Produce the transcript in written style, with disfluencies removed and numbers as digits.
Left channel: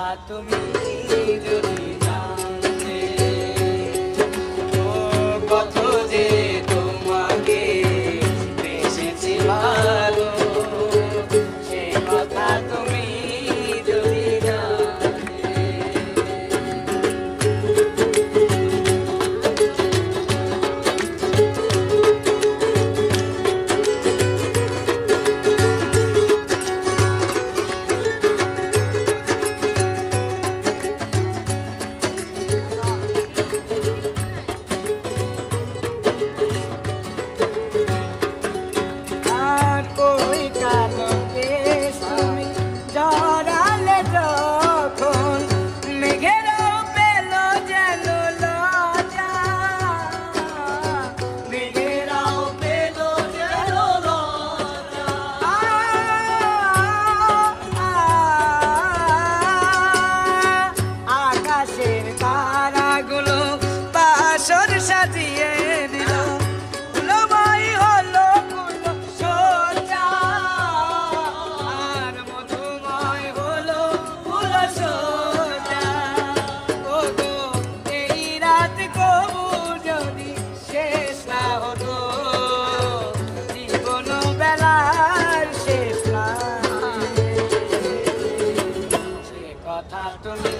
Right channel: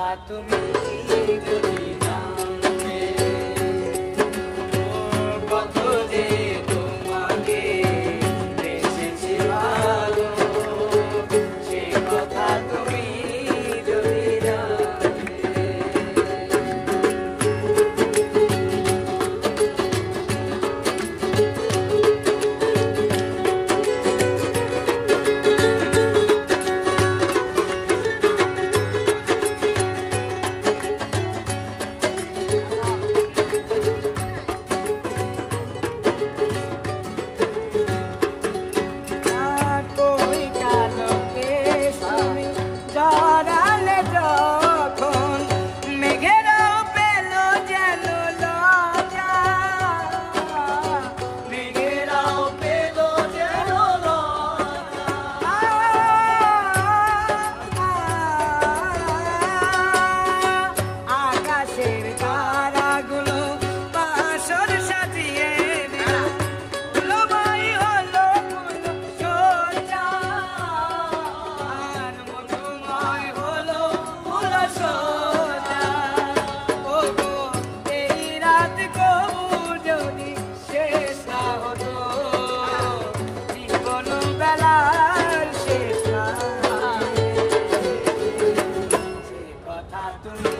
কথা তুমি যদি জানতে, কত যে তোমাকে বেসেছি ভালো, সে কথা তুমি যদি জানতে। জড়ালে যখন মেঘেরাও পেল যেন লজ্জা, মেঘেরাও পেল যেন লজ্জা, আকাশের তারাগুলো বাসর সাজিয়ে দিল, লবাই হলো সজ্জা, আর মধুময় হলো ফুল সজ্জা। ও গো এই রাত কবু যদি শেষ না হতো, জীবন বেলার শেষ না, সে কথা তুমি